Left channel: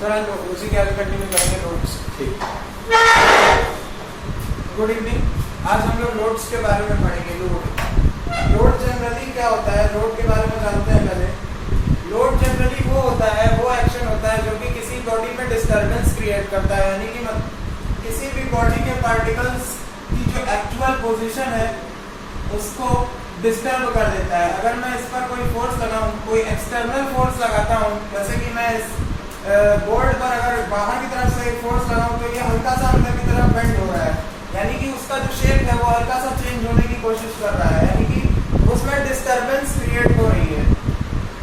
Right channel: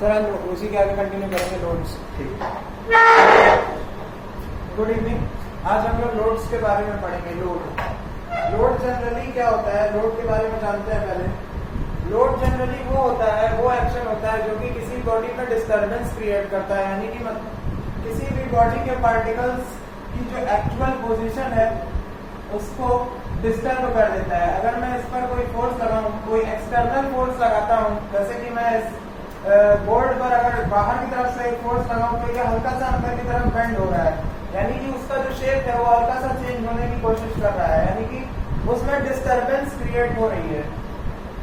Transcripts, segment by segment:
Sir उसी के आगे कंटिन्यू करेंगे लोड्स। ठीक। Good evening. आज हम लोग लोड्स के बारे में पढ़ेंगे। लोड जनरली क्या होता है, लोड के बारे में जानते हैं पहले। लोड जनरली वो होता है, वो एक्शन होता है जो कि किसी बॉडी में डिस्टर्बेंस क्रिएट करता है, यानी कि किसी भी बॉडी के पार्टिकल्स की जो एक्चुअल पोजीशन है उसको डिस्टर्ब कर देता है। अगर मैं इस पर कोई फोर्स लगाऊं, कोई एक्सटर्नल फोर्स लगाता हूं, जैसे कि मैं इस बोर्ड पर अगर बाहर की तरफ से फोर्स लगाऊं तो ये हल्का सा अंदर की तरफ बेंड हो रहा है, यानी कि उसका जो शेप है वो हल्का सा चेंज होने की कोशिश कर रहा है, यानी कि उसमें डिस्टर्बेंस क्रिएट हो रही है।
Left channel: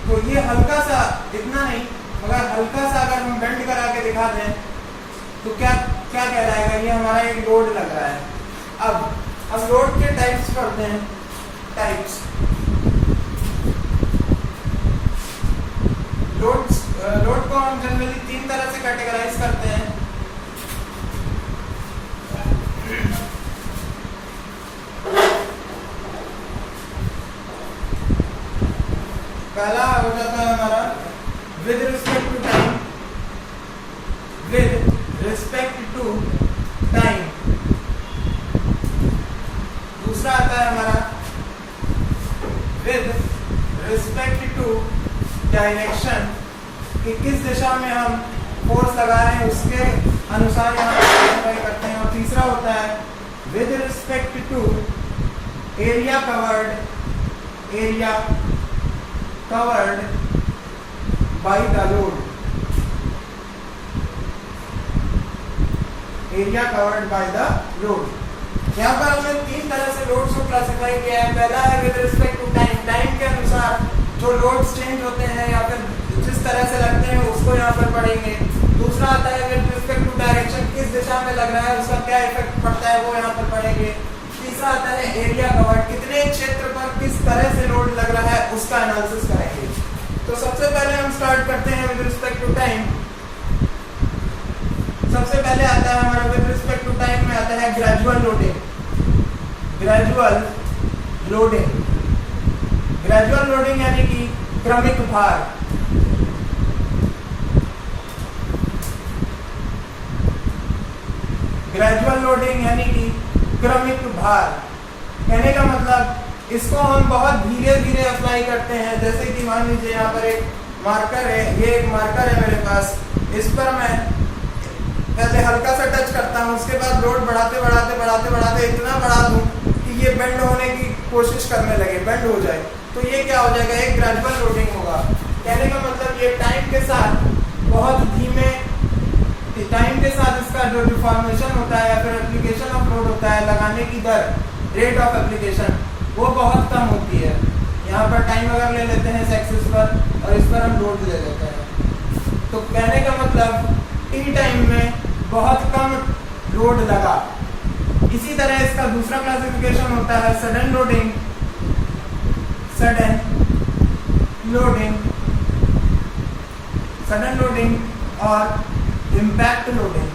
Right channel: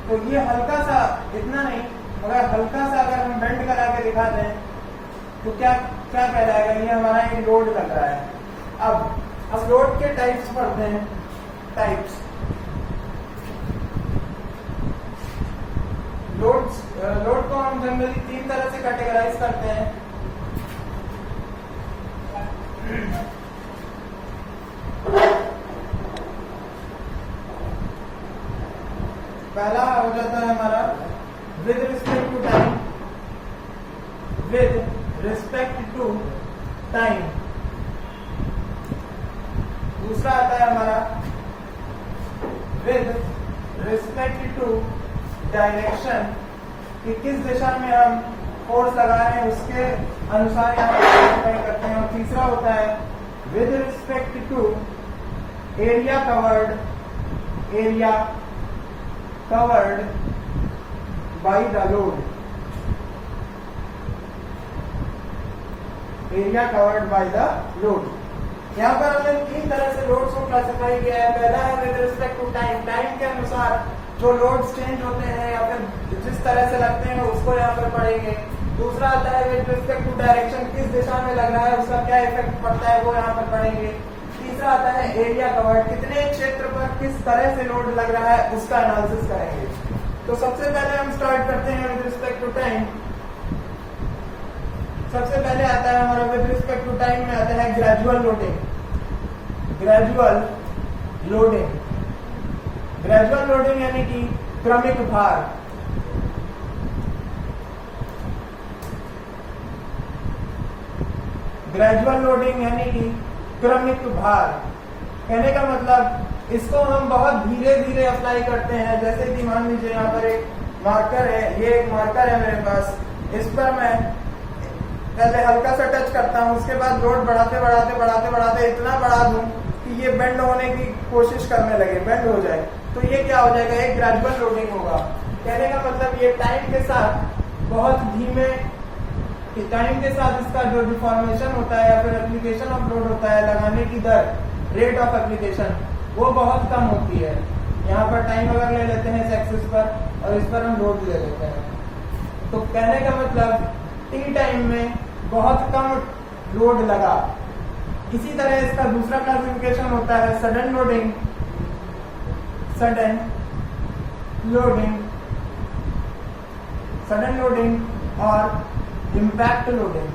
तो ये हल्का सा, इतना नहीं मगर हल्का सा अगर हम बेंड करा के दिखा दें तो क्या क्या कहलाएगा, ये हमारा एक लोड लग रहा है। अब लोड के टाइप्स पढ़ते हैं। टाइप्स लोड को हम जनरली 3 तरह से कैटेगराइज करते हैं। पहला हो जाता है हमारा with respect to time. With respect to time. दूसरा आता है हमारा विद रिस्पेक्ट टू डायरेक्शन, कि किस दिशा में हम फोर्स लगा रहे हैं उसके अनुसार यहाँ पर करते हैं। और तीसरा होता है with respect to area covered by the load. Area covered by the load. यहाँ पर हमने 3 तरह से लोड्स को क्लासिफाई किया है। पहला है with respect to time, time के अनुसार जो लोड्स चेंज होते हैं या फिर जिस तरह से लगते हैं उसको यहाँ पर पढ़ेंगे। दूसरा आता है विद रिस्पेक्ट टू डायरेक्शन, किस दिशा में लग रहा है उसका क्या इफेक्ट पड़ता है वो यहाँ पर पढ़ेंगे। तीसरा आता है एरिया कवर्ड, कितने क्षेत्र पर किस तरह से लोड लग रहा है उसका एनालिसिस करेंगे। तो सबसे पहले हम स्टार्ट करते हैं विद रिस्पेक्ट टू टाइम। सबसे पहले आता है हमारा विद रिस्पेक्ट टू टाइम में आता है ग्रेजुअल लोडिंग। ग्रेजुअल लोडिंग यानी कि क्रमिक भार। ग्रेजुअल लोडिंग यानी कि क्रमिक भार। कहने का मतलब इसको हम बहुत धीरे धीरे अप्लाई करते हैं। जैसे कि मान लीजिए यहाँ पर एक मार्कर है, ये एक मार्कर है मेरे पास, इस पर मैं पहले हल्का सा टच करता हूँ, उसके बाद लोड बढ़ाते इतना बढ़ा दूँ कि ये बेंड होने की कोशिश करने लगे, बेंड हो जाए, तो ये क्या हो जाएगा, एक ग्रेजुअल लोडिंग होगा। कहने का मतलब ये टाइम के साथ बहुत धीमे, टाइम के साथ इसका जो डिफॉर्मेशन होता है या फिर एप्लीकेशन ऑफ लोड होता है, लगाने की दर, रेट ऑफ एप्लीकेशन, वो बहुत कम होती है। यहाँ पर टाइम अगर ले लेते हैं इस एक्सिस पर और इस पर हम लोड ले लेते हैं, तो कहने का मतलब टी टाइम में बहुत कम लोड लगा। इसी तरह इसका दूसरा क्लासिफिकेशन होता है सडन लोडिंग और इम्पैक्ट लोडिंग।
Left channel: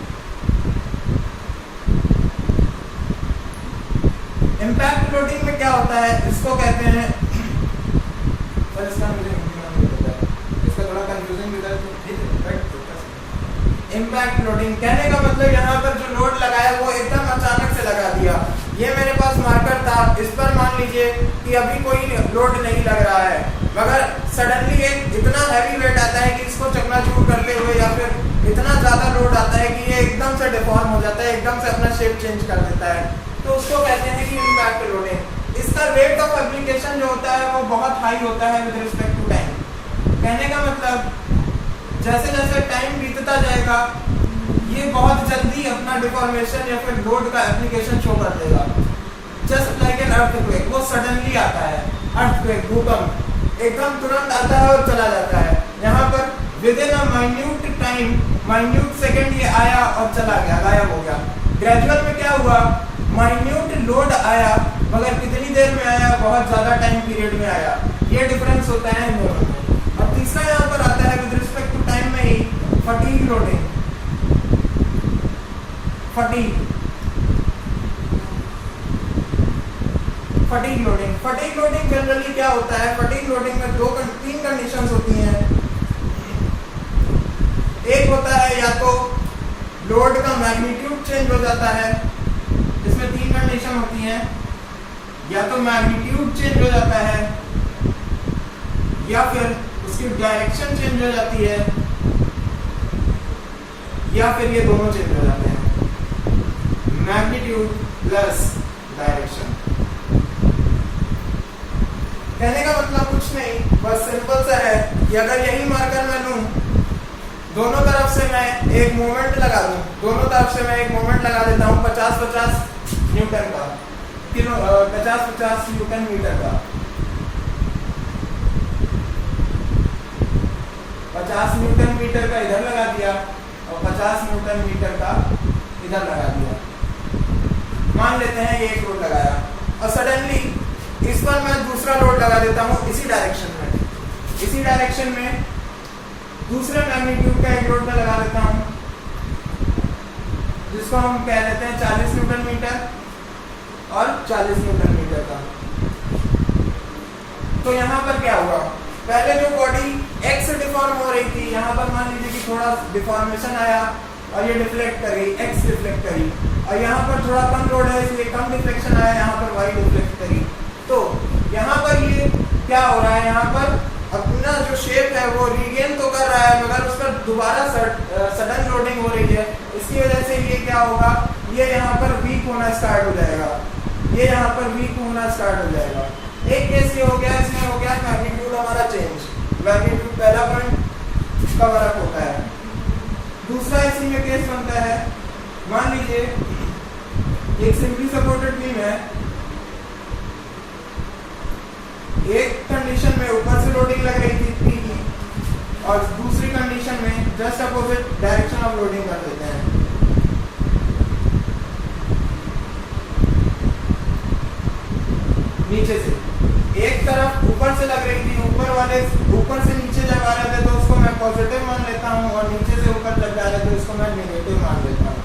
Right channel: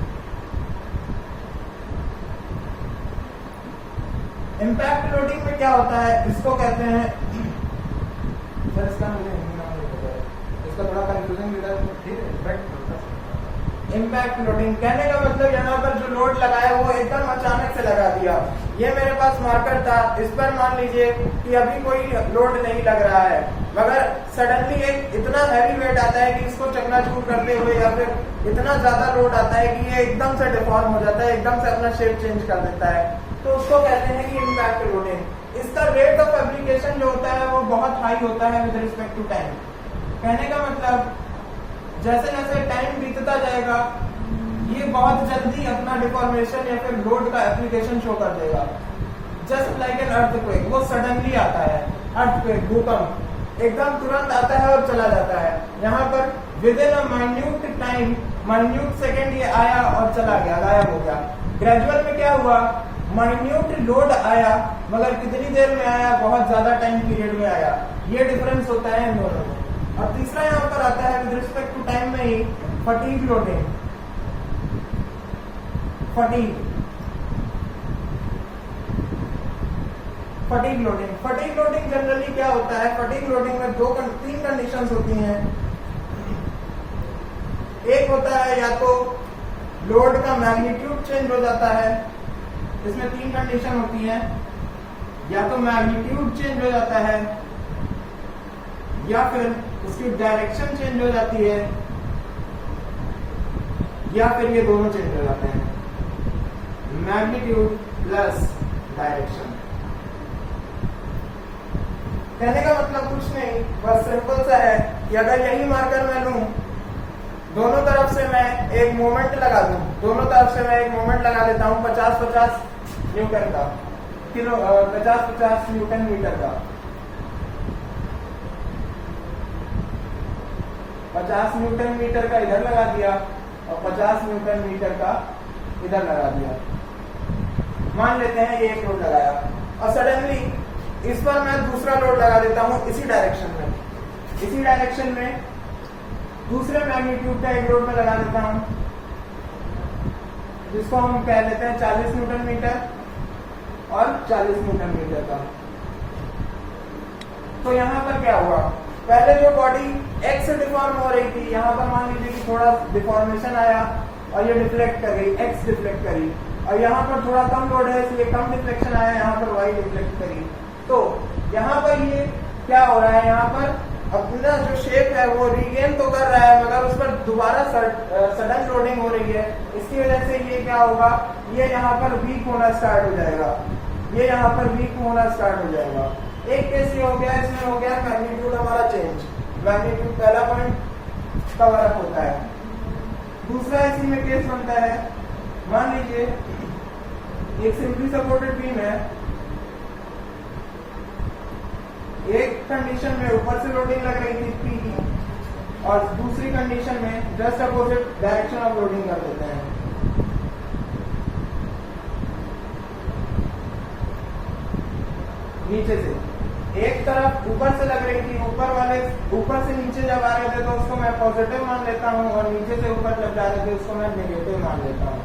इम्पैक्ट लोडिंग में क्या होता है, इसको कहते हैं, सर इसका मुझे हिंदी में नहीं पता है, इसका थोड़ा कंफ्यूजिंग भी है। इम्पैक्ट लोडिंग कहने का मतलब यहाँ पर जो लोड लगाया वो एकदम अचानक से लगा दिया। ये मेरे पास मार्कर था, इस पर मान लीजिए कि अभी कोई लोड नहीं लग रहा है, मगर सडनली एक इतना हैवी वेट आता है कि इसको चकनाचूर करते हुए या फिर इतना ज़्यादा लोड आता है कि ये एकदम से डिफॉर्म हो जाता है, एकदम से अपना शेप चेंज कर देता है, तो उसको कहते हैं कि इम्पैक्ट लोडिंग। इसका रेट ऑफ एप्लीकेशन जो होता है वो बहुत हाई होता है विद रिस्पेक्ट टू टाइम। कहने का मतलब जैसे जैसे टाइम बीतता जाएगा ये बहुत जल्दी अपना डिफॉर्मेशन या फिर लोड का एप्लीकेशन शो कर देगा। जस्ट लाइक एन अर्थक्वेक, वो सडनली आता है, अर्थक्वेक, भूकंप एकदम तुरंत आता है और चला जाता है। यहाँ पर with in a minute time, minute second ये आया और चला गया, गायब हो गया। ग्रेजुअल में क्या हुआ, माइन्यूट लोड आया मगर कितनी देर में आया, बहुत ज्यादा टाइम पीरियड में आया। ये डिफरेंस होता है इन दोनों में। और तीसरा यहाँ पर आता है विद रिस्पेक्ट टू टाइम में ही fatigue loading. Fatigue loading generally क्या होता है, फटीग लोडिंग में 3 कंडीशंस होती हैं। एक होता है या तो लोड का मैग्नीट्यूड चेंज हो जाता है, इसमें 3 कंडीशन होती हैं, या तो मैग्नीट्यूड चेंज हो जाता है, या फिर उसकी डायरेक्शन चेंज हो जाती है, या फिर ये दोनों चेंज हो जाते हैं, मैग्नीट्यूड प्लस डायरेक्शन। कहने का मतलब कुछ नहीं, बस सिंपल सा है कि अगर यही मार्कर मैं लूं, दोनों तरफ से मैं एक मोमेंट लगा दूं, दोनों तरफ से मैं एक मोमेंट लगा देता हूं 50-50 न्यूटन का, 50-50 न्यूटन मीटर का, 50 न्यूटन मीटर का इधर लगा दिया और 50 न्यूटन मीटर का इधर लगा दिया। मान लेते हैं ये एक लोड लगाया और सडनली इस पर मैं दूसरा लोड लगा देता हूं इसी डायरेक्शन में दूसरे मैग्नीट्यूड का एक लोड में लगा देता हूं, जिसको हम कह देते हैं 40 न्यूटन मीटर और 40 न्यूटन मीटर का। तो यहाँ पर क्या हुआ, पहले जो बॉडी एक्स से डिफॉर्म हो रही थी, यहाँ पर मान लीजिए कि थोड़ा डिफॉर्मेशन आया और ये डिफ्लेक्ट कर गई, एक्स डिफ्लेक्ट करी, और यहाँ पर थोड़ा कम लोड है इसलिए कम डिफ्लेक्शन आया, यहाँ पर वाई डिफ्लेक्ट करी। तो यहाँ पर ये क्या हो रहा है, यहाँ पर अपना जो शेप है वो रीगेन तो कर रहा है, मगर उस पर दोबारा सडन लोडिंग हो रही है। इसकी वजह से ये क्या होगा, ये यहाँ पर वीक होना स्टार्ट हो जाएगा, ये यहाँ पर वीक होना स्टार्ट हो जाएगा। एक केस ये हो गया, इसमें हो गया मैग्नीट्यूड हमारा चेंज, मैग्नीट्यूड पहला पॉइंट का फर्क होता है। दूसरा इसी में केस बनता है, मान लीजिए एक सिंपली सपोर्टेड बीम है, एक कंडीशन में ऊपर से लोडिंग लग रही थी P की और दूसरी कंडीशन में just opposite direction of loading कर देते हैं। नीचे से एक तरफ ऊपर से लग रही थी, ऊपर से नीचे जब आ रहे थे तो उसको मैं पॉजिटिव मान लेता हूँ और नीचे से ऊपर जब जा रहे थे उसको मैं नेगेटिव मान लेता हूँ।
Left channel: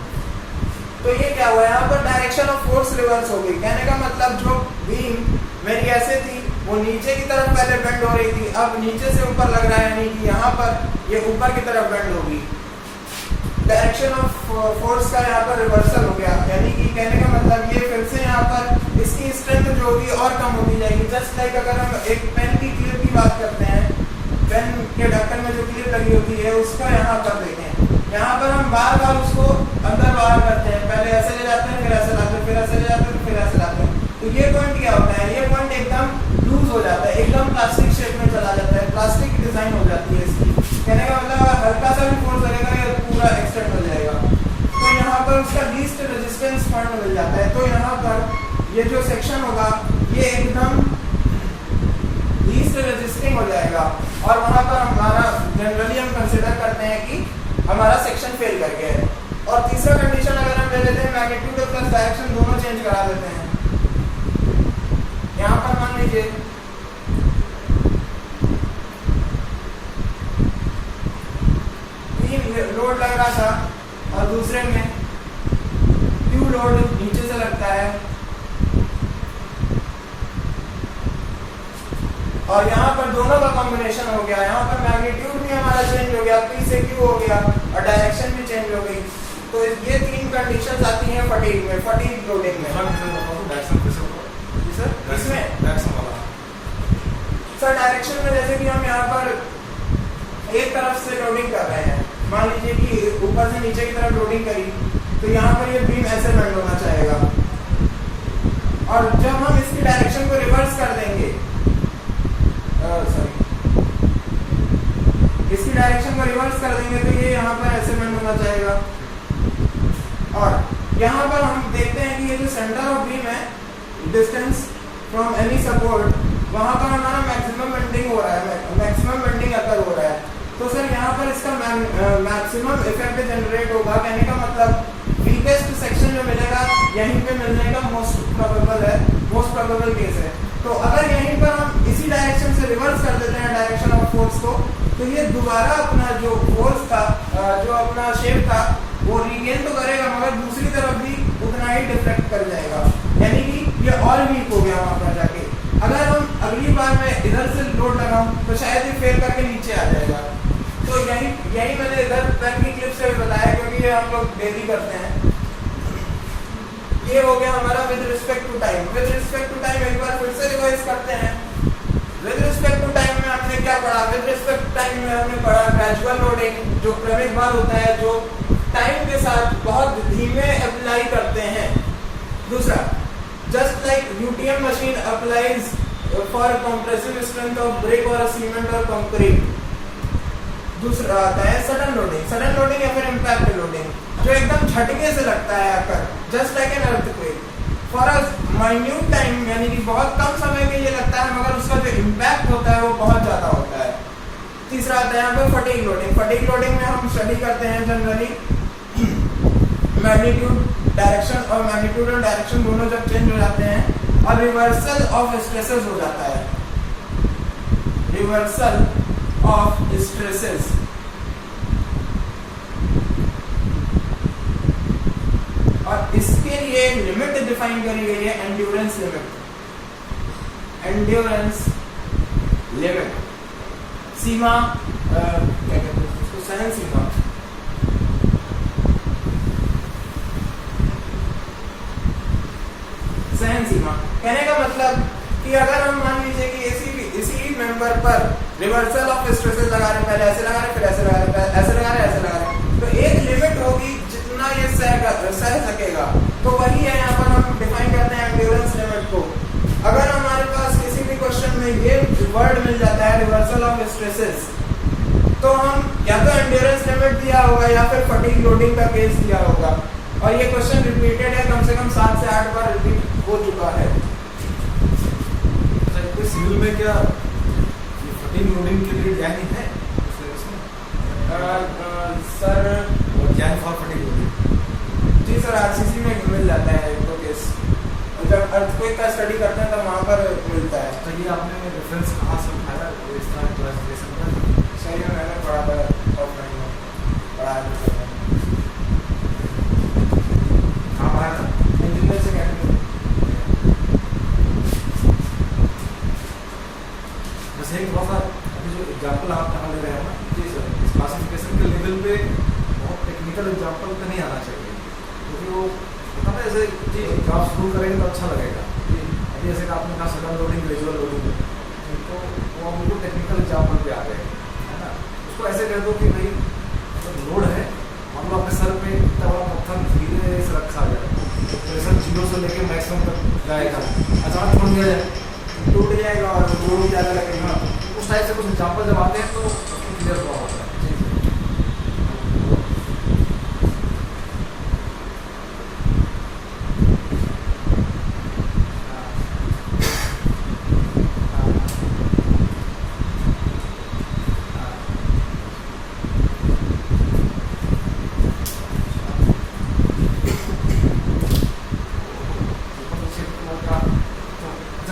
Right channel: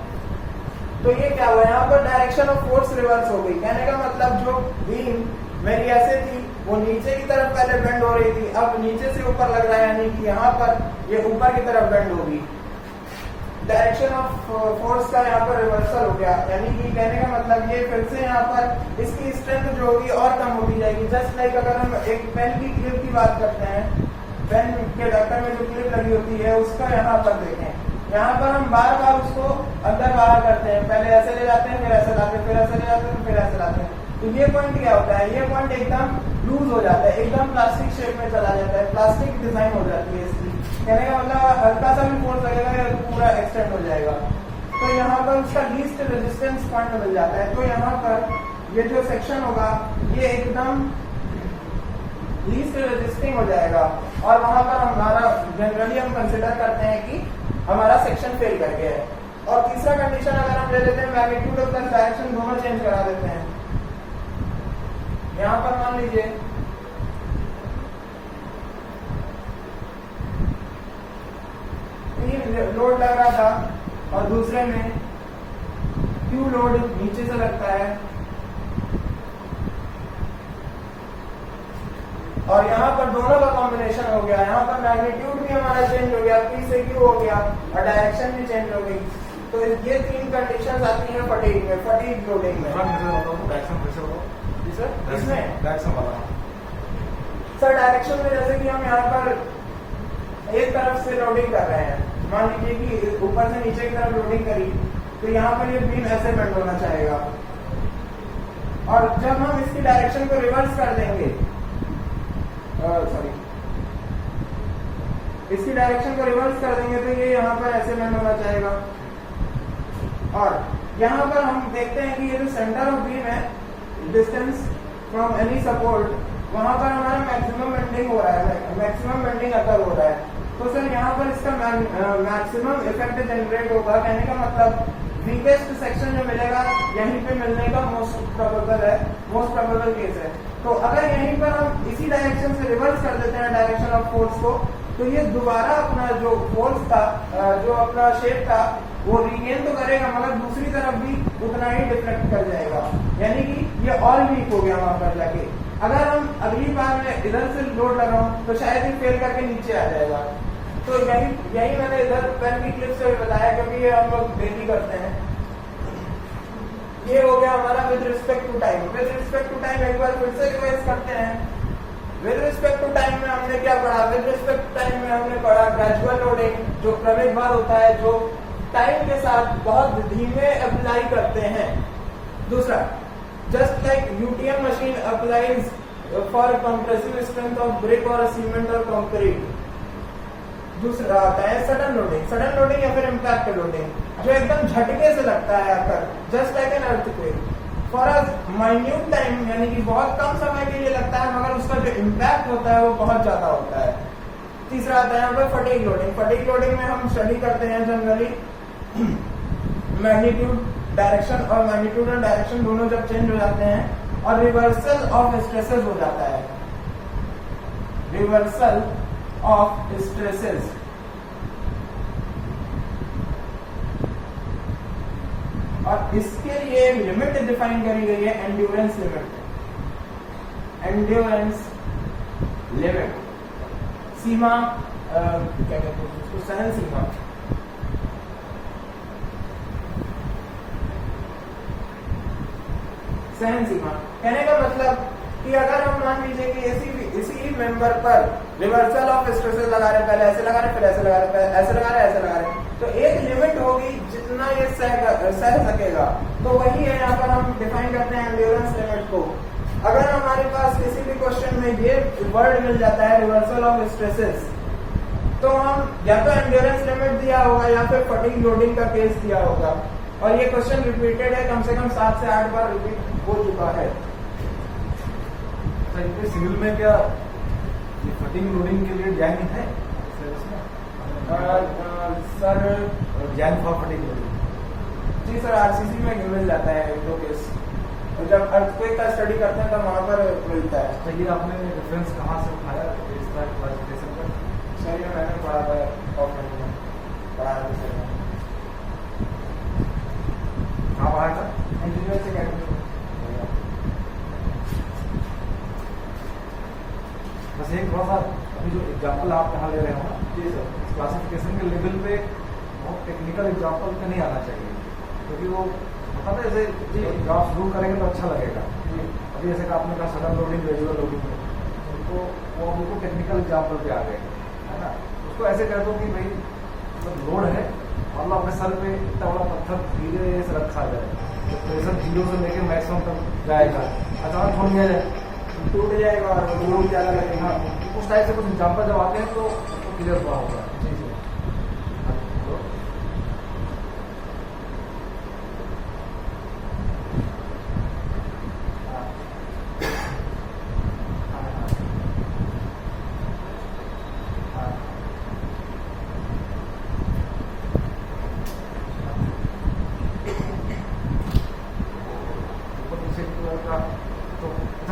तो ये क्या हुआ, यहाँ पर डायरेक्शन ऑफ फोर्स रिवर्स हो गई। कहने का मतलब जो बीम मेरी ऐसे थी वो नीचे की तरफ पहले बेंड हो रही थी, अब नीचे से ऊपर लग रहा है, यानी कि यहाँ पर ये ऊपर की तरफ बेंड होगी। डायरेक्शन ऑफ फोर्स का यहाँ पर रिवर्सल हो गया, यानी कि कहने का मतलब ये फिर से यहाँ पर इसकी स्ट्रेंथ जो होगी और कम होती जाएगी। जस्ट लाइक अगर हम एक पेन की क्लिप की बात करते हैं, पेन के ढक्कन में जो क्लिप लगी होती है उसको यहाँ पर देखें, यहाँ पर हम बार बार उसको अंदर बाहर करते हैं, पहले ऐसे ले जाते हैं, फिर ऐसे लाते हैं, फिर ऐसे ले जाते हैं, फिर ऐसे लाते हैं। तो ये पॉइंट क्या होता है, ये पॉइंट एकदम लूज हो जाता है, एकदम प्लास्टिक शेप में चला जाता है, प्लास्टिक डिजाइन हो जाती है इसकी। कहने का मतलब हल्का सा भी फोर्स लगेगा ये पूरा एक्सटेंड हो जाएगा। तो यहाँ पर उसका लीस्ट रेजिस्टेंस पॉइंट मिल जाता है। तो यहाँ पर ये जो सेक्शन होगा ये एकदम लीस्ट रेजिस्टिंग हो जाएगा और वहाँ पर हमारा जनरली हम कंसिडर करते हैं कि हमारा सेक्शन फेल कर गया है। और तीसरा कंडीशन अगर हम ले लेते हैं मैग्नीट्यूड प्लस डायरेक्शन दोनों चेंज करा देते हैं। यहाँ पर मान लीजिए लोड लग रहा था और दूसरे में क्यू लोड नीचे से लगता है और यहाँ पर दोनों का कॉम्बिनेशन हो गया। यहाँ पर मैग्नीट्यूड भी हमारा चेंज हो गया, P से Q हो गया और डायरेक्शन भी चेंज हो गई। तो ये 3 कंडीशंस आती हैं फटीग में, फटीग लोडिंग में। सर डायरेक्शन में जैसे कि हम यहाँ पर एक तरफ से लोडिंग कर रहे हैं, मान लीजिए कि ऊपर से नीचे की तरफ लोडिंग करी तो यहाँ पर ये बीम ऐसे बेंड होना चाहेगा और जब हम इसकी डायरेक्शन को रिवर्स कर देंगे, इसकी डायरेक्शन को रिवर्स कर देंगे तो ये यहाँ पर ऐसे बेंड होना चाहेगा। और यहाँ पर हम देखते हैं कि ये जो सेंटर ऑफ बीम है, डिस्टेंस फ्रॉम एनी सपोर्ट, वहाँ पर हमारा मैक्सिमम बेंडिंग हो रहा है, मैक्सिमम बेंडिंग अकर हो रहा है। तो सर यहाँ पर इसका मैक्सिमम इफेक्ट जनरेट होगा। कहने का मतलब वीकेस्ट सेक्शन जो मिलेगा यहीं पे मिलने का मोस्ट प्रोबेबल केस है। तो अगर यहीं पर हम इसी डायरेक्शन से रिवर्स कर देते हैं डायरेक्शन ऑफ फोर्स को, तो ये दोबारा अपना जो फोर्स था, जो अपना शेप था वो रीगेन तो करेगा मगर दूसरी तरफ भी उतना ही डिफ्लेक्ट कर जाएगा, यानी कि ये और वीक हो गया वहाँ पर जाके। अगर हम अगली बार मैं इधर से लोड लगाऊं तो शायद ये फेल करके नीचे आ जाएगा। तो यही मैंने इधर पेन की क्लिप से भी बताया, क्योंकि ये हम लोग डेली करते हैं। ये हो गया हमारा with respect to time. With respect to time एक बार फिर से रिवाइज करते हैं। विद रिस्पेक्ट टू टाइम में हमने क्या पढ़ा? विद रिस्पेक्ट टू टाइम में हमने पढ़ा ग्रेजुअल लोडिंग, जो क्रमिक भार होता है, जो टाइम के साथ बहुत धीमे अप्लाई करते हैं। दूसरा, just like UTM machine applies for compressive strength of brick और सीमेंट और कंक्रीट। दूसरा आता है सडन लोडिंग। सडन लोडिंग या फिर इम्पैक्ट लोडिंग, जो एकदम झटके से लगता है आकर, just like an earthquake for a minute time, यानी कि बहुत कम समय के लिए लगता है, मगर उसका जो इम्पैक्ट होता है वो बहुत ज्यादा होता है। तीसरा आता है यहाँ पे फटीग लोडिंग। फटीग लोडिंग में हम स्टडी करते हैं जनरली मैग्नीट्यूड डायरेक्शन, और मैग्नीट्यूड और डायरेक्शन दोनों जब चेंज हो जाते हैं और रिवर्सल ऑफ स्ट्रेसेस हो जाता है। रिवर्सल ऑफ स्ट्रेसेस, और इसके लिए लिमिट डिफाइन करी गई है, एंड्योरेंस लिमिट। एंड्योरेंस लिमिट, सीमा, क्या कहते हैं उसको, सहन सीमा। सहन सीमा कहने का मतलब कि अगर हम मान लीजिए कि इसी मेंबर पर रिवर्सल ऑफ स्ट्रेसेस लगा रहे हैं, पहले ऐसे लगा रहे, फिर ऐसे लगा रहे, ऐसे लगा रहे, ऐसे लगा रहे, तो एक लिमिट होगी जितना ये सह सकेगा। तो वही है यहाँ पर हम डिफाइन करते हैं एंड्योरेंस लिमिट को। अगर हमारे पास किसी भी क्वेश्चन में ये वर्ड मिल जाता है रिवर्सल ऑफ स्ट्रेसेस, तो हम या तो एंड्योरेंस लिमिट दिया होगा या फिर फटीग लोडिंग का केस दिया होगा। और ये क्वेश्चन रिपीटेड है, कम से कम 7 से 8 बार रिपीट हो चुका है। सिविल में क्या फटीग लोडिंग के लिए ज्ञान है सर? ज्ञान फॉर फटीग लोडिंग जी सर, आरसीसी में मिल जाता है एक दो केस, जब अर्थक्वेक का स्टडी करते हैं तो वहाँ पर मिलता है। तो ये आपने रेफरेंस कहाँ से उठाया इस तरह की क्लासिफिकेशन पर? सर ये मैंने पढ़ा था पढ़ा है। कहाँ पढ़ा था? Engineers academy. बस एक थोड़ा सा अभी जो एग्जाम्पल आप कहाँ ले रहे हो ना, जी सर, इस क्लासिफिकेशन के लेवल पे बहुत टेक्निकल एग्जाम्पल पे नहीं आना चाहिए, क्योंकि वो पता है जैसे ग्राफ शुरू करेंगे तो अच्छा लगेगा। अभी जैसे कि आपने कहा सडन लोडिंग, ग्रेजुअल लोडिंग, तो वो हम लोग टेक्निकल एग्जाम्पल पे आ गए, है ना। उसको ऐसे कह दो कि भाई मतलब लोड है, हम लोग अपने सर पे इतना बड़ा पत्थर धीरे से रखा जाए, तो प्रेशर 0 से लेकर मैक्सिमम तक जाएगा, अचानक छोड़ दिया जाए टूट जाएगा और लोड ज़्यादा लगेगा। उस टाइप से कुछ एग्जाम्पल जब आते हैं तो क्लियर हुआ होता है।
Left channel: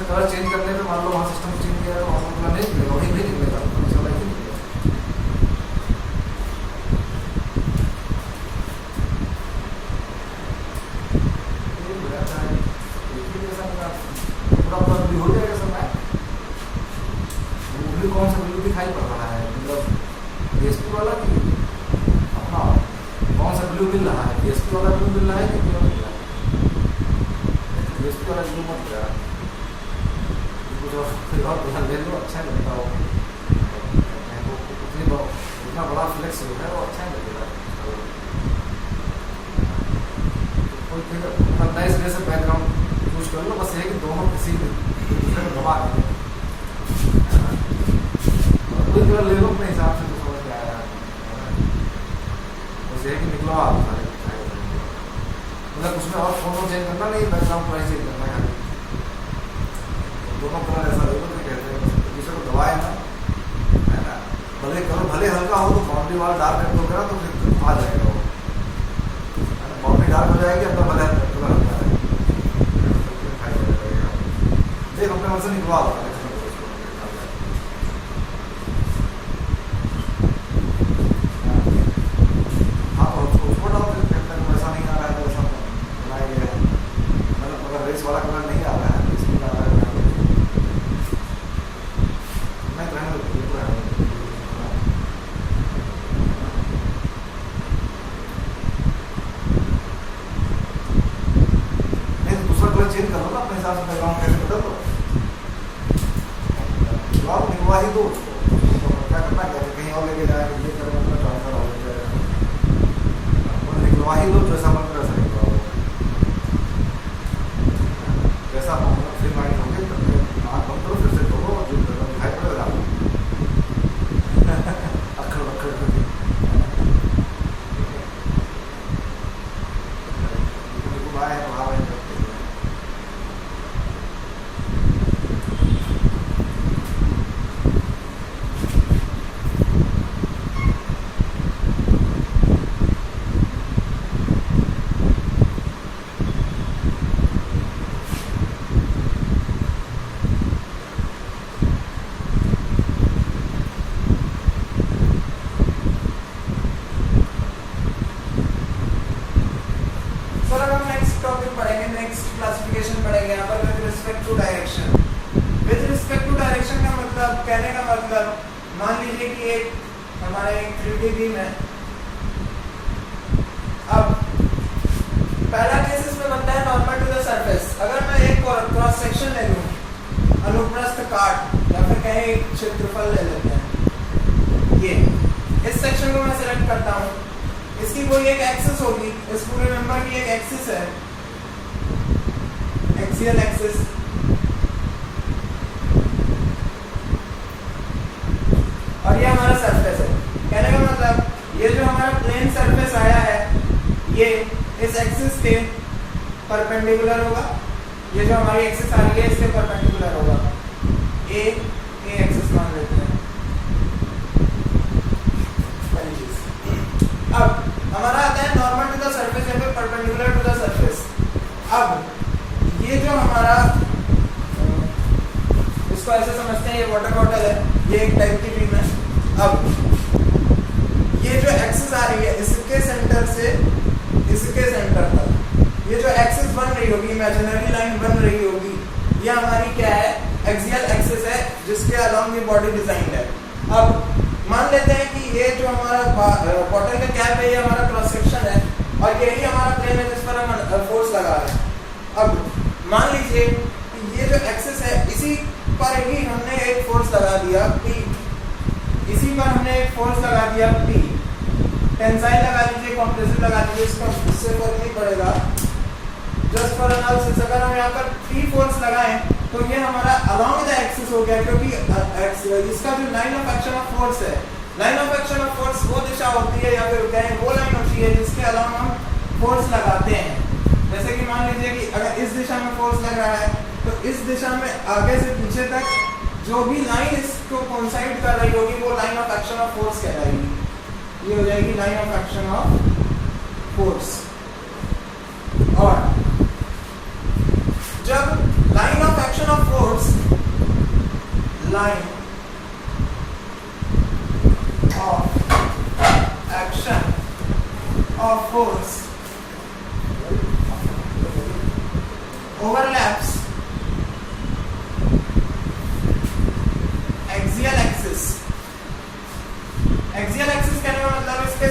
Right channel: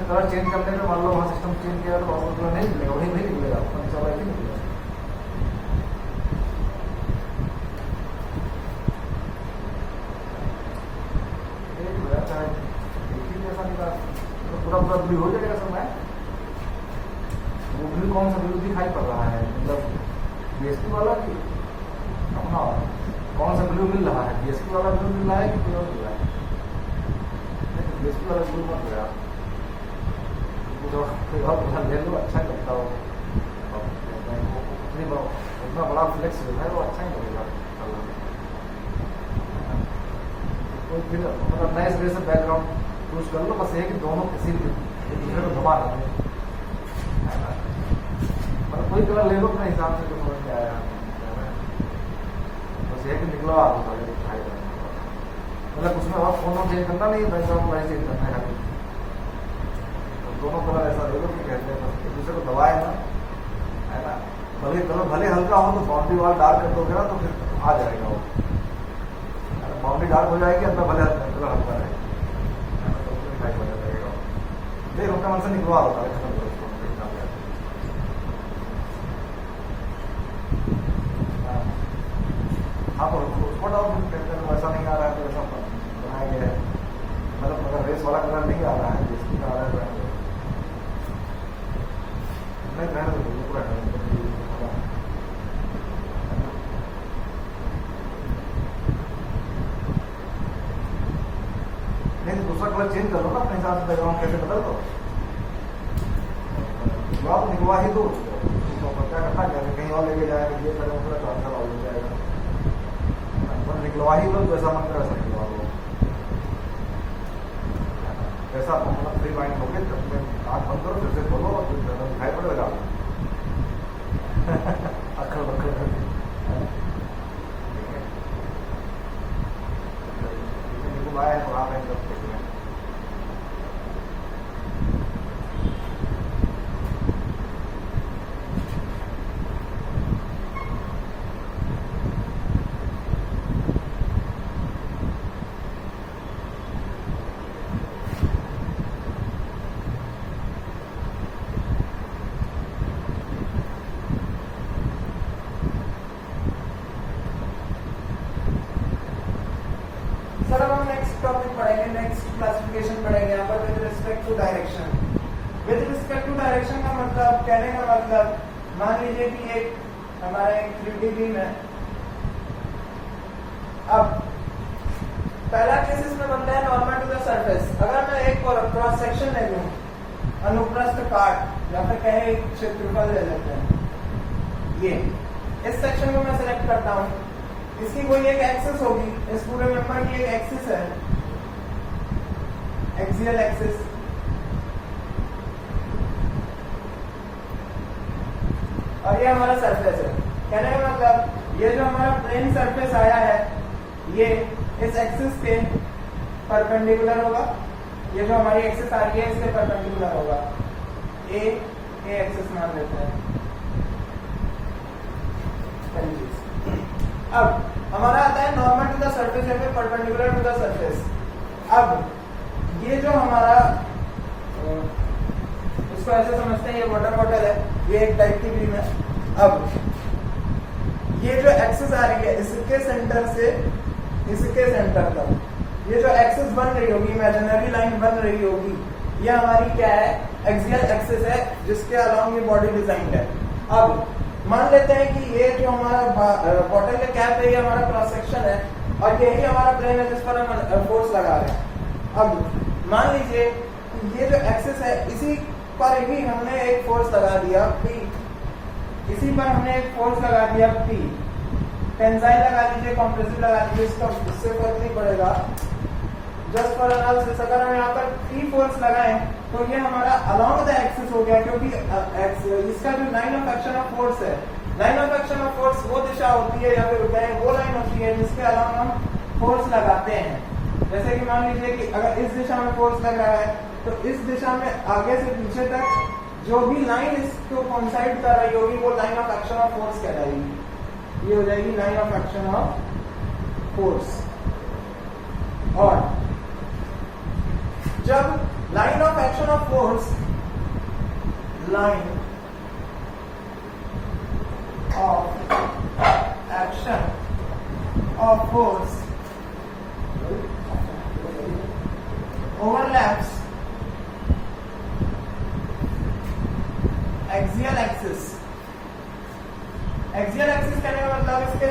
कलर चेंज करने पे मान लो वहाँ सिस्टम चेंज किया तो और कलर नहीं मिलेगा, वही नहीं मिलेगा, चला ही नहीं मिलेगा। हो जाएगा सब में वो कौन सा ब्लू दिखाई पड़ रहा है, मतलब डीएसपी वाला कि अपना कौन सा ब्लू मिल रहा है, डीएसपी वाला ब्लू मिल रहा है कि क्यों मिल रहा है? डीएसपी वाला ब्लू मत रहा अच्छा ही लगता हो, उतना बड़ा फ्लेक्स होता है वो अच्छा ही लगेगा। तो फिर नए सिरे से बैकग्राउंड यूज कर लो, बस ये कि दोनों किसी दबा दें, कोई कलर ले लो अपने हिसाब से, तो समझ में आया बस ये कि निकलवा मतलब उसमें और फोटो चेंज करना नहीं, बैकग्राउंड वही चेंज करना है, दोनों कलर ऐसा ले लो नहीं कहते हैं दूसरे को दबाए ना, है ना। भले कलर भले हल्का हो तो बाउंड्री वाल डार्क कर दोगे ना तो फिर आ जाएगा वो, बाउंड्री डार्क हो जाएगी, अपना भले कलर हल्का रहेगा, देखो अपने मन से निकलवा होता है। हाँ तो उसको डाल ऐसा नहीं आ रहा है तो ऐसा बनाइए, मतलब अगर रेस वाला कलर नहीं आ रहा है तो इसमें आ रहा है नहीं रहने दो। थोड़ा चेंज करो ना अपने हिसाब से, बैकग्राउंड कैसे बदल दो, आप निकलवा ही दो, क्या करना क्या कहीं और लेके जाएंगे, ये करें अपना जॉब का हो जाएगा, निकलवा ही दो जैसा मन कर सकेगा, जैसा फ्री माइंड हो गया तो आप बंद करो, फिर से करो, जो दिखाई पड़ेगा अखड़ बखड़ करके आए तो आप करते हैं। नेक्स्ट क्लासिफिकेशन पढ़ेंगे यहाँ पर with respect to direction. With respect to direction का मतलब, कहने का मतलब, मान लीजिए कि एक हमारा एक 3D बीम है। अब पहला केस इसमें बनता है नॉर्मल टू द सरफेस। अगर मैं एक क्रॉस सेक्शन ले लूँ, अनुप्रस्थ काट या फिर कहें एक क्षेत्रफल ले लेते हैं, ये इस सेक्शन को मैं सिलेक्ट करता हूँ, इसकी कोई एक एक्सिस होगी, इस पूरे मेंबर की एक एक्सिस है, एक्सियल एक्सिस, और ये हमारा सरफेस है। कहने का मतलब ये जो हमारा प्लेन सरफेस आया है ये इस एक्सिस के परपेंडिकुलर होगा, ये जो हमारी एक्सिस आ रही है इसके परपेंडिकुलर होगा, ए एक्सिस मान लेते हैं। अब हमारा आता है नॉर्मल टू द सरफेस या फिर परपेंडिकुलर टू द सरफेस। अब ये जो हमारा, इसको ऐसे समझते हैं ये वाटर बॉटल है, ये एक टाइप की बीम है। अब ये जो एक्सिस आ रही है इसके सेंटर से इसके सेंटर तक, ये जो एक्सिस बन रही होगी, इमेजिनरी लाइन बन रही होगी, ये हमारी क्या है, एक्सियल एक्सिस है, जिसके अलोंग ये बॉडी डिजाइंड है। अब मान लेते हैं कि ये जो हमारा बॉटल का कैप है ये हमारा क्रॉस सेक्शन है और यही हमारा प्लेन है जिस पर हम फोर्स लगा रहे हैं। अब मान लीजिए कि ये जो एक्सिस है इसी पर ही हमने एक फोर्स लगा दिया P, इसी पर हमने एक फोर्स लगा दिया P, टेंसाइल लगा दीजिए, कंप्रेसिव लगा दीजिए, इसका इससे फर्क नहीं पड़ेगा, जस्ट फॉर एनालिसिस। अगर हम यहाँ पर P फोर्स लगाएं तो ये हमारा अलोंग द एक्सिस हो गया, क्योंकि इसका जो line of action of force है, line of action of force वो दिशा होती है या फिर कहें वो लाइन होती है जिसके अलोंग हम फोर्स लगाते हैं। जैसे कि मान लीजिए कि अगर इस दिशा में फोर्स लग रहा है तो इस दिशा में आगे से पीछे तक जो भी लाइन इसको कोइंसाइड कर रही होगी वो line of action of force कहलाएगी, ये हो जाएगी line of action of force. और जब line of action of force, line of action of force overlaps axial axis। axial axis कहने का मतलब इसके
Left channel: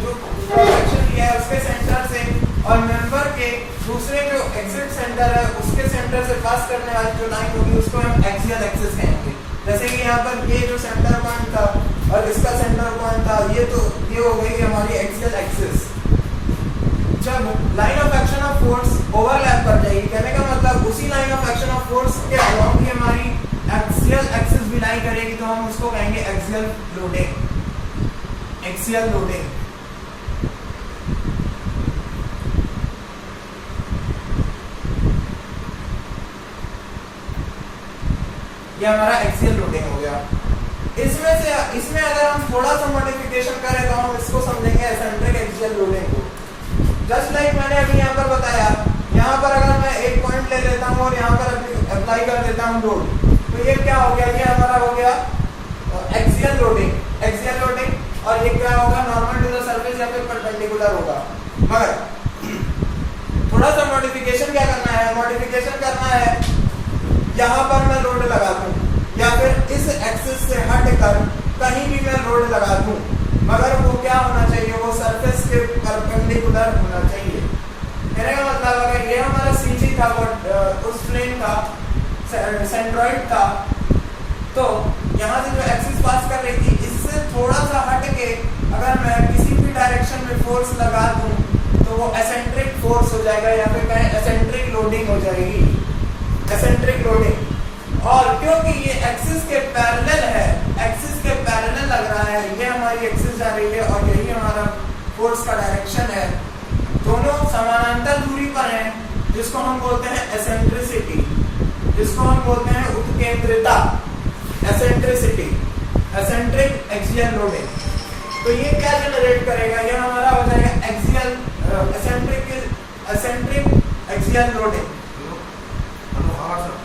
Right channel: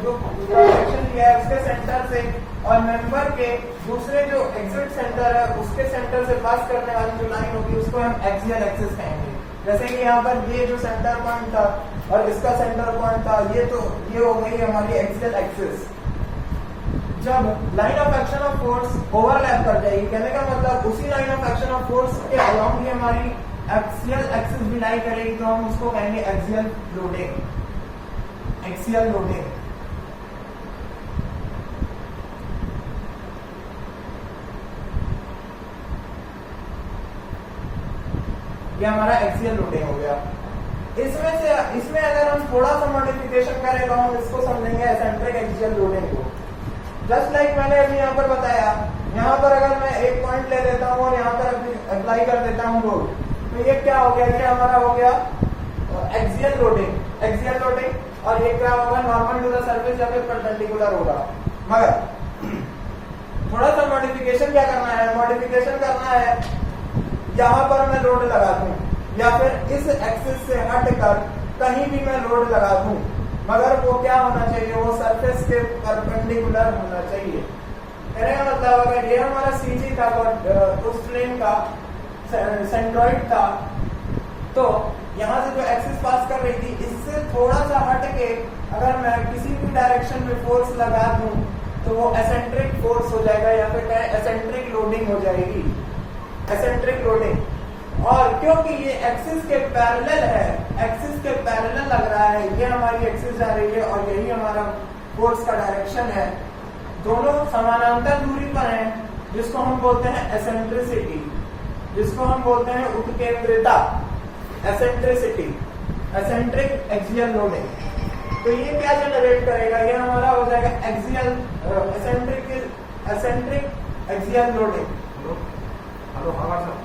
जो सेक्शन लिया है उसके सेंटर से और मेंबर के दूसरे जो एग्जिट सेंटर है उसके सेंटर से पास करने वाली जो लाइन होगी उसको हम axial axis कहेंगे। जैसे कि यहाँ पर ये जो सेंटर पॉइंट था और इसका सेंटर पॉइंट था, ये हो गई हमारी axial axis। जब line of action of force overlap कर जाएगी, कहने का मतलब उसी line of action of force के अलोंग ही हमारी एक्सियल एक्सिस भी लाई करेगी, तो हम उसको कहेंगे एक्सियल लोडिंग। एक्सियल लोडिंग ये हमारा एक्सियल लोडिंग हो गया। इसमें अगर हम थोड़ा सा मॉडिफिकेशन करें तो हम इसको समझेंगे एसेंट्रिक एक्सियल लोडिंग को। जस्ट लाइक मैंने अभी यहाँ पर बताया, यहाँ पर अगर मैं एक पॉइंट ले लेता हूँ और यहाँ पर अप्लाई कर देता हूँ लोड, तो ये क्या हो गया, ये हमारा हो गया एक्सियल लोडिंग। एक्सियल लोडिंग और ये क्या होगा, नॉर्मल टू द सरफेस या फिर परपेंडिकुलर होगा। मगर थोड़ा सा मॉडिफिकेशन क्या करना है, मॉडिफिकेशन करना है यहाँ पर मैं लोड लगा दूँ या फिर इस एक्सिस से हट कर कहीं भी मैं लोड लगा दूँ, मगर वो क्या होना चाहिए, वो सरफेस के परपेंडिकुलर होना चाहिए। कहने का मतलब अगर ये हमारा CG था वो उस प्लेन का सेंट्रॉइड था, तो यहाँ से जो एक्सिस पास कर रही थी इससे थोड़ा सा हट के अगर मैं किसी भी डायरेक्शन में फोर्स लगा दूं तो वो एसेंट्रिक फोर्स हो जाएगा या फिर कहें एसेंट्रिक लोडिंग हो जाएगी, एसेंट्रिक लोडिंग। और क्योंकि ये एक्सिस के पैरेलल है, एक्सिस के पैरेलल लग रहा है, ये हमारी एक्सिस जा रही है और यही हमारा फोर्स का डायरेक्शन है, दोनों समानांतर दूरी पर हैं, जिसको हम बोलते हैं एसेंट्रिसिटी, जिसको हम बोलते हैं उत्केंद्रिता, एसेंट्रिसिटी, एसेंट्रिक एक्सियल लोडिंग। तो ये क्या जनरेट करेगा, ये हमारा हो जाएगा axial eccentric axial loading. Hello हाँ सर,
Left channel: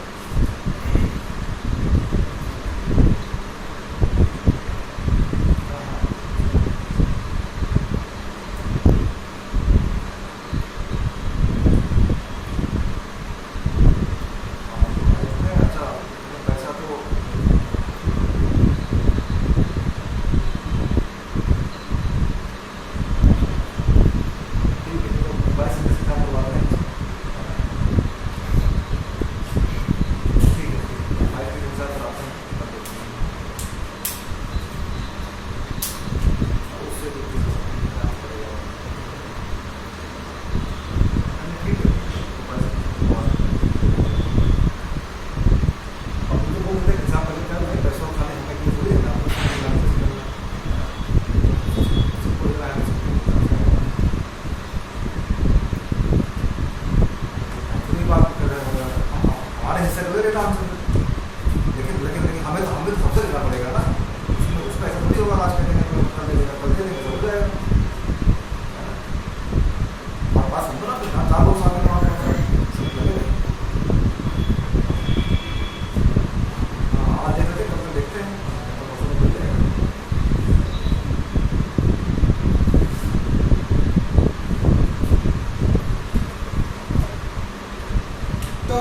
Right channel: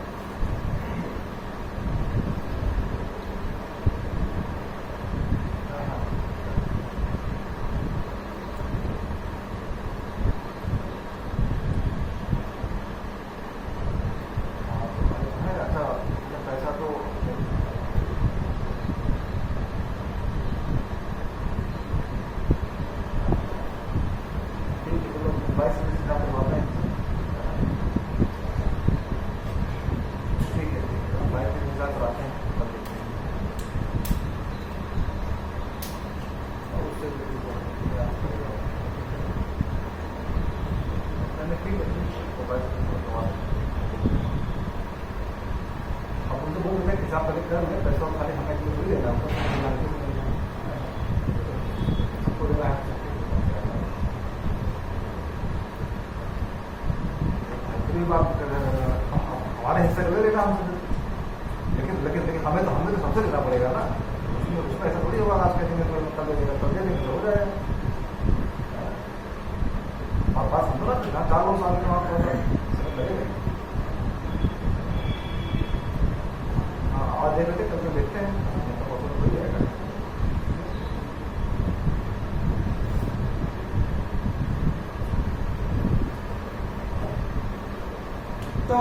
तो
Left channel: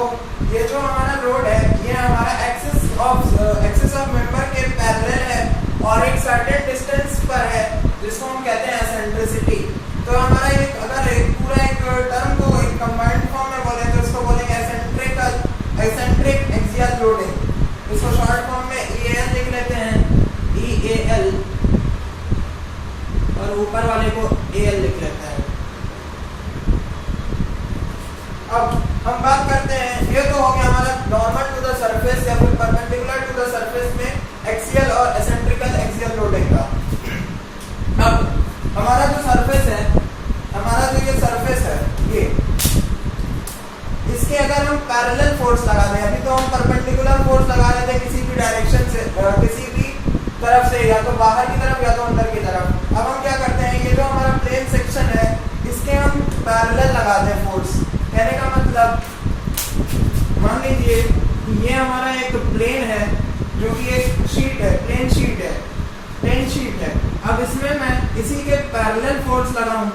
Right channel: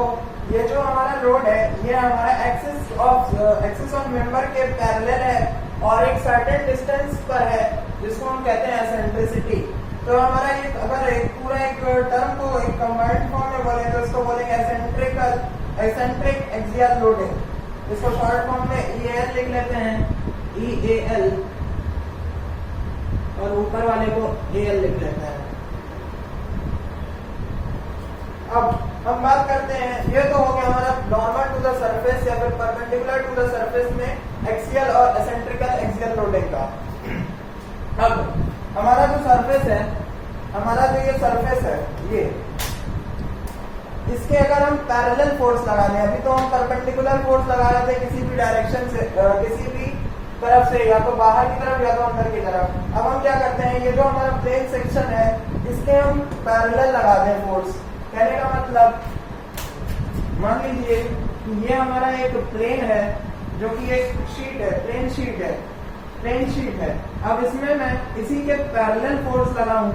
ये जो हमारा रोड है ये हमारा एक्सिस ऑफ मेंबर के पैरेलल है और एक सर्टेन डिस्टेंस पर है, जिसको हम कहते हैं एसेंट्रिसिटी। तो हमारा ये अगर पूरा एक टर्म को एक कंबाइंड फॉर्म में बोले तो इसको बोलेंगे एसेंट्रिक एक्सियल लोडिंग। इसको शॉर्ट फॉर्म में EAL लिख लेते हैं, EAL, और ऊपर वाले को AL लिख लेते हैं। अब हम बात करते हैं, ये तो हो गया हमारा नॉर्मल टू द सरफेस या फिर परपेंडिकुलर टू द सरफेस में एक्सियल और एसेंट्रिकल एक्सियल लोडिंग का। अब हमारा जो सरफेस है, हमारा जो ये सरफेस है, ये इसके अगर हम पैरेलल फोर्स लगा दें, अभी तो हम परपेंडिकुलर फोर्स लगा रहे थे किसी भी डायरेक्शन से, किसी भी तरफ से, या तो बाहर की तरफ या तो अंदर की तरफ। अब हम क्या करते हैं, ये जो हमारा प्लेन सेक्शन है इसके हम पैरेलल लगा दें फोर्स। कहने का मतलब मान लीजिए कि ये हमारा एक प्लेन है जो कि एक शीट है, प्लेन शीट है। अब इसमें मैं इसी के पैरेलल फोर्स लगाऊं,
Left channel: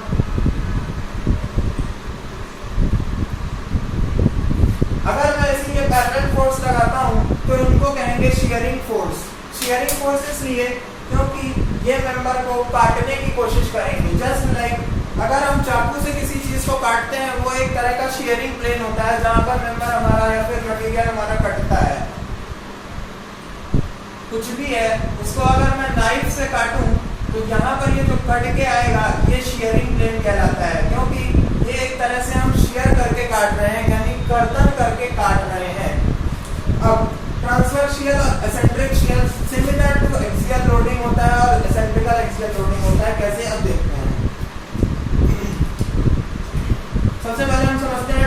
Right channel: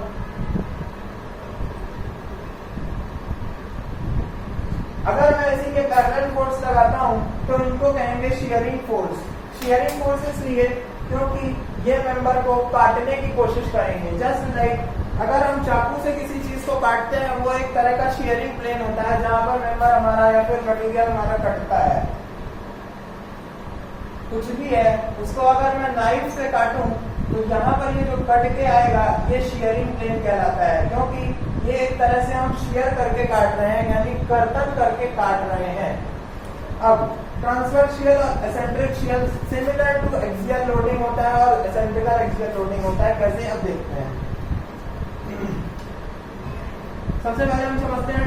अगर मैं इसी के पैरेलल फोर्स लगाता हूं तो इनको कहेंगे शियरिंग फोर्स। शियरिंग फोर्स इसलिए क्योंकि ये मेंबर को काटने की कोशिश करेंगे। जस्ट लाइक अगर हम चाकू से किसी चीज को काटते हैं, वो एक तरह का शियरिंग प्लेन होता है जहां पर मेंबर हमारा या फिर मटेरियल हमारा कटता है, कुछ भी है, उसको अगर मैं नाइफ से काटूं तो यहाँ पर ये जो कट के आएगा ये शियरिंग प्लेन कहलाता है, क्योंकि ये एक तरह से हम शियर करके काट रहे हैं, यानी कर्तन करके काट रहे हैं। अब ट्रांसवर्स शियर और eccentric shear similar to axial loading होता है और एसेंट्रिकल एक्सियल लोडिंग होता है। कैसे, अब देखते हैं। सबसे पहले हम समझते हैं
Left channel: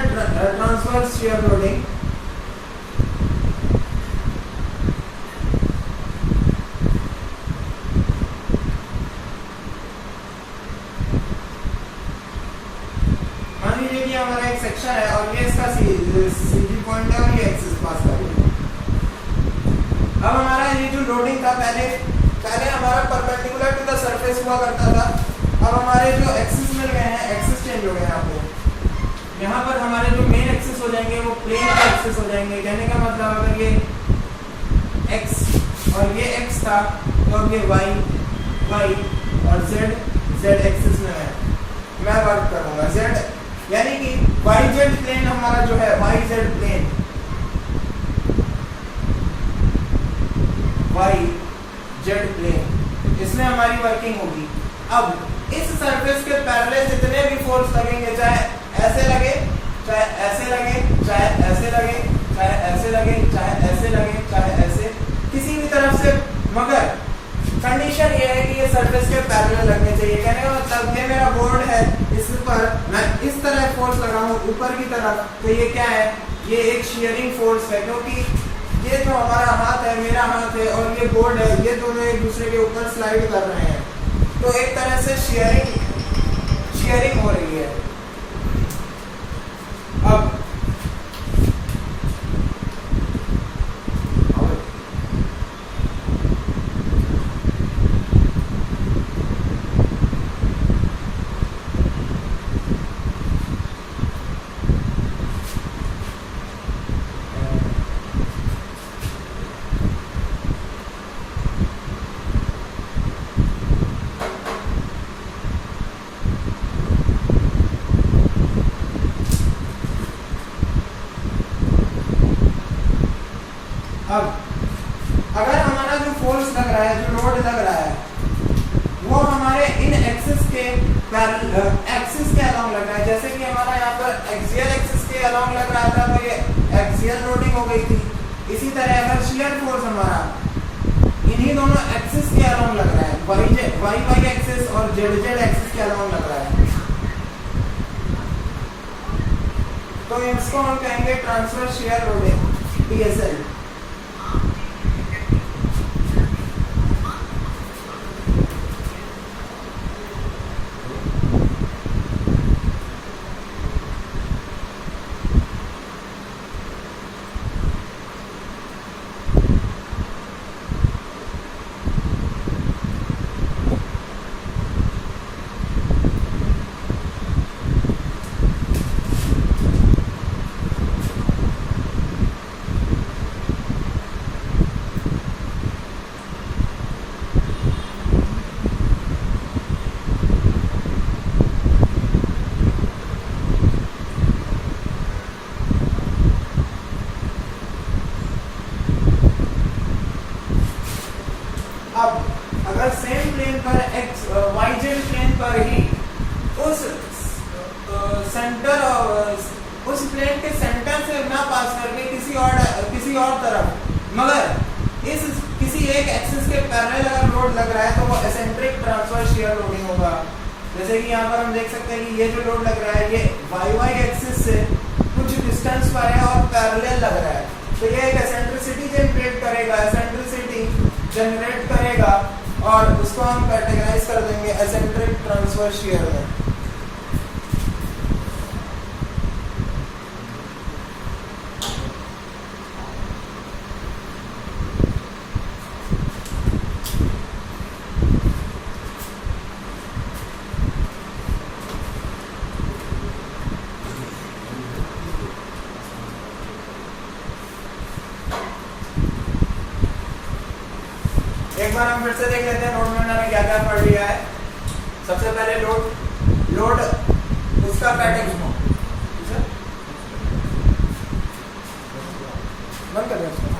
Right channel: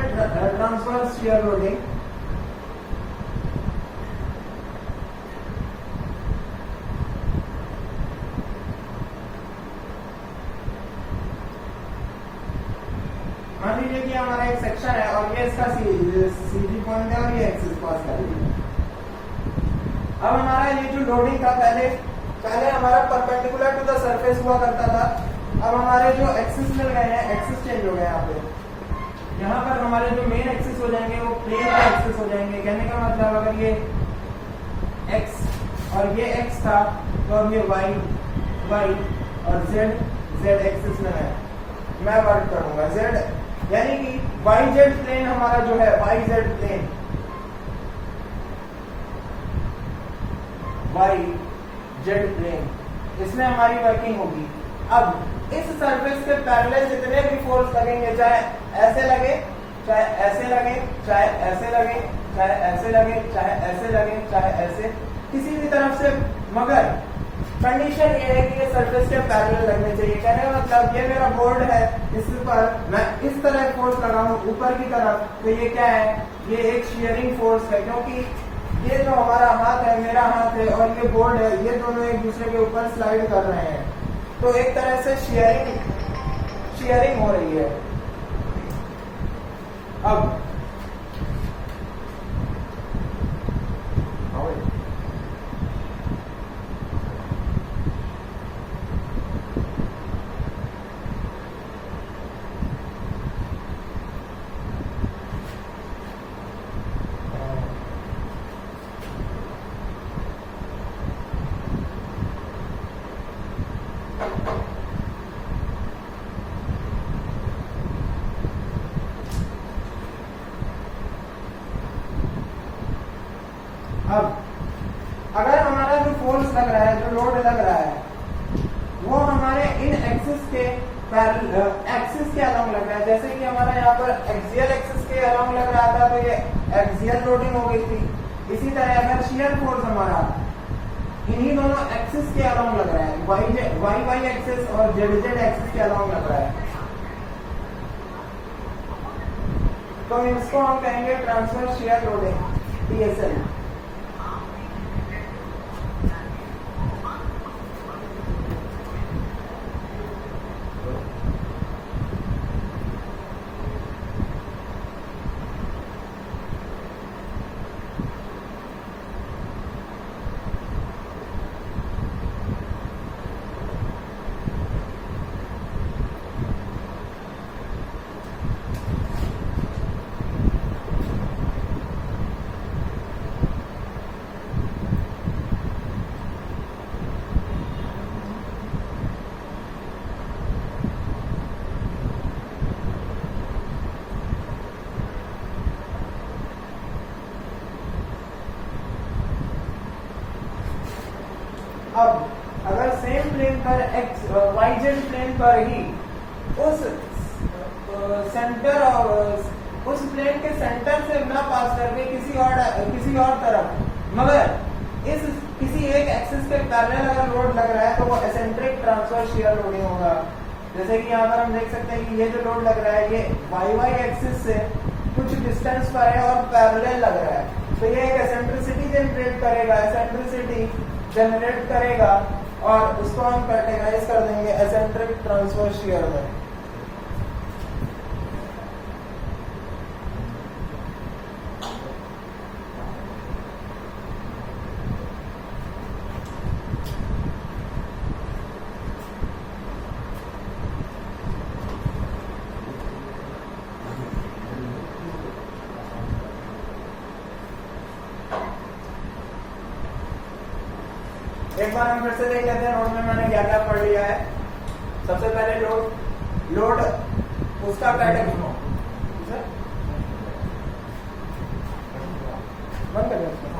ट्रांसवर्स शियर लोडिंग। मान लीजिए कि हमारा एक सेक्शन है और ये इसका सीजी पॉइंट है और ये एक्सिस पास कर रही है। अब हमारा ये जो लोडिंग था, पहले हमारा परपेंडिकुलर टू द सरफेस हुआ करता था। अब हमारे जो एक्सिस मिल गए हैं, एक्सिस चेंज हो गए यहाँ पे। यहाँ पर हमारे जो मेन एक्सिस हो जाएंगे वो प्लेन का एक्सिस हो जाएंगे। कहने का मतलब अगर ये x और ये x था तो अब ये y और z एक्सिस में है। मैं वर्क करूँगा, z यानी कि वाई जेड प्लेन हमारा जो है y z plane y z plane इसमें हमारी वर्किंग होगी। अब इस सरफेस के पैरेलल जितने भी फोर्स लगेंगे, चाहे ऐसे लगे, चाहे ऐसे लगे, चाहे ऐसे लगे, चाहे ऐसे लगे, चाहे ऐसे लगे, चाहे ऐसे, किसी भी तरफ से, मगर कंडीशन ये है कि ये सरफेस के पैरेलल लगने चाहिए। कहने का मतलब ये मेरा बोर्ड है, इस पर मैं इस तरह फोर्स लगाऊं ऊपर की तरफ, तो ये क्या है, ये एक शियरिंग फोर्स है, क्योंकि ये जो हमारा हाथ है, मेरा हाथ है, और ये बोर्ड है, ये दोनों एक दूसरे के ऊपर स्लाइड कर रहे हैं, तो एक तरह से शियरिंग हो रही है। अब अगर हमारा जो फोर्स लग रहा है, जो लोड लग रहा है, वो हमारे इन एक्सिस के एक्सिस के अलोंग लग रहा है, जैसे कि हमारा यहाँ पर एक्सियल एक्सिस के अलोंग लग रहा था, तो ये एक्सियल लोडिंग हो गई थी। इसी तरह अगर शियर फोर्स हमारा इन्हीं दोनों एक्सिस के अलोंग लग रहा है, वाई एक्सिस और जेड एक्सिस के अलोंग लग रहा है, तो इसको हम कहेंगे ट्रांसवर्स शियर लोडिंग, TSL। अब अगर सेम प्लेन पर वाई जेड प्लेन पर ही उस सेंटर उस प्लेन के सेंटर से ना पास करके किसी और तरफ, मगर इस किसी एक एक्सिस के पैरेलल अगर लोड लग रहा है, तो वो एसेंट्रिक ट्रांसवर्स शियर लोडिंग होगा। जैसे कि यहाँ पर हम देख सकते हैं कि ये जो लोड लग रहा है, ये वाई एक्सिस से कुछ डिस्टेंस पर है और पैरेलल लग रहा है, तो ये एक एसेंट्रिसिटी जनरेट करेगा और उसको हम कैटेगराइज कर देंगे एसेंट्रिक ट्रांसवर्स शियर में। एक बार हम फिर से देख लेते हैं नोट में मैंने क्या क्या पढ़ लिया है। सबसे पहले लोड उसका पैटर्न बंद कर दें।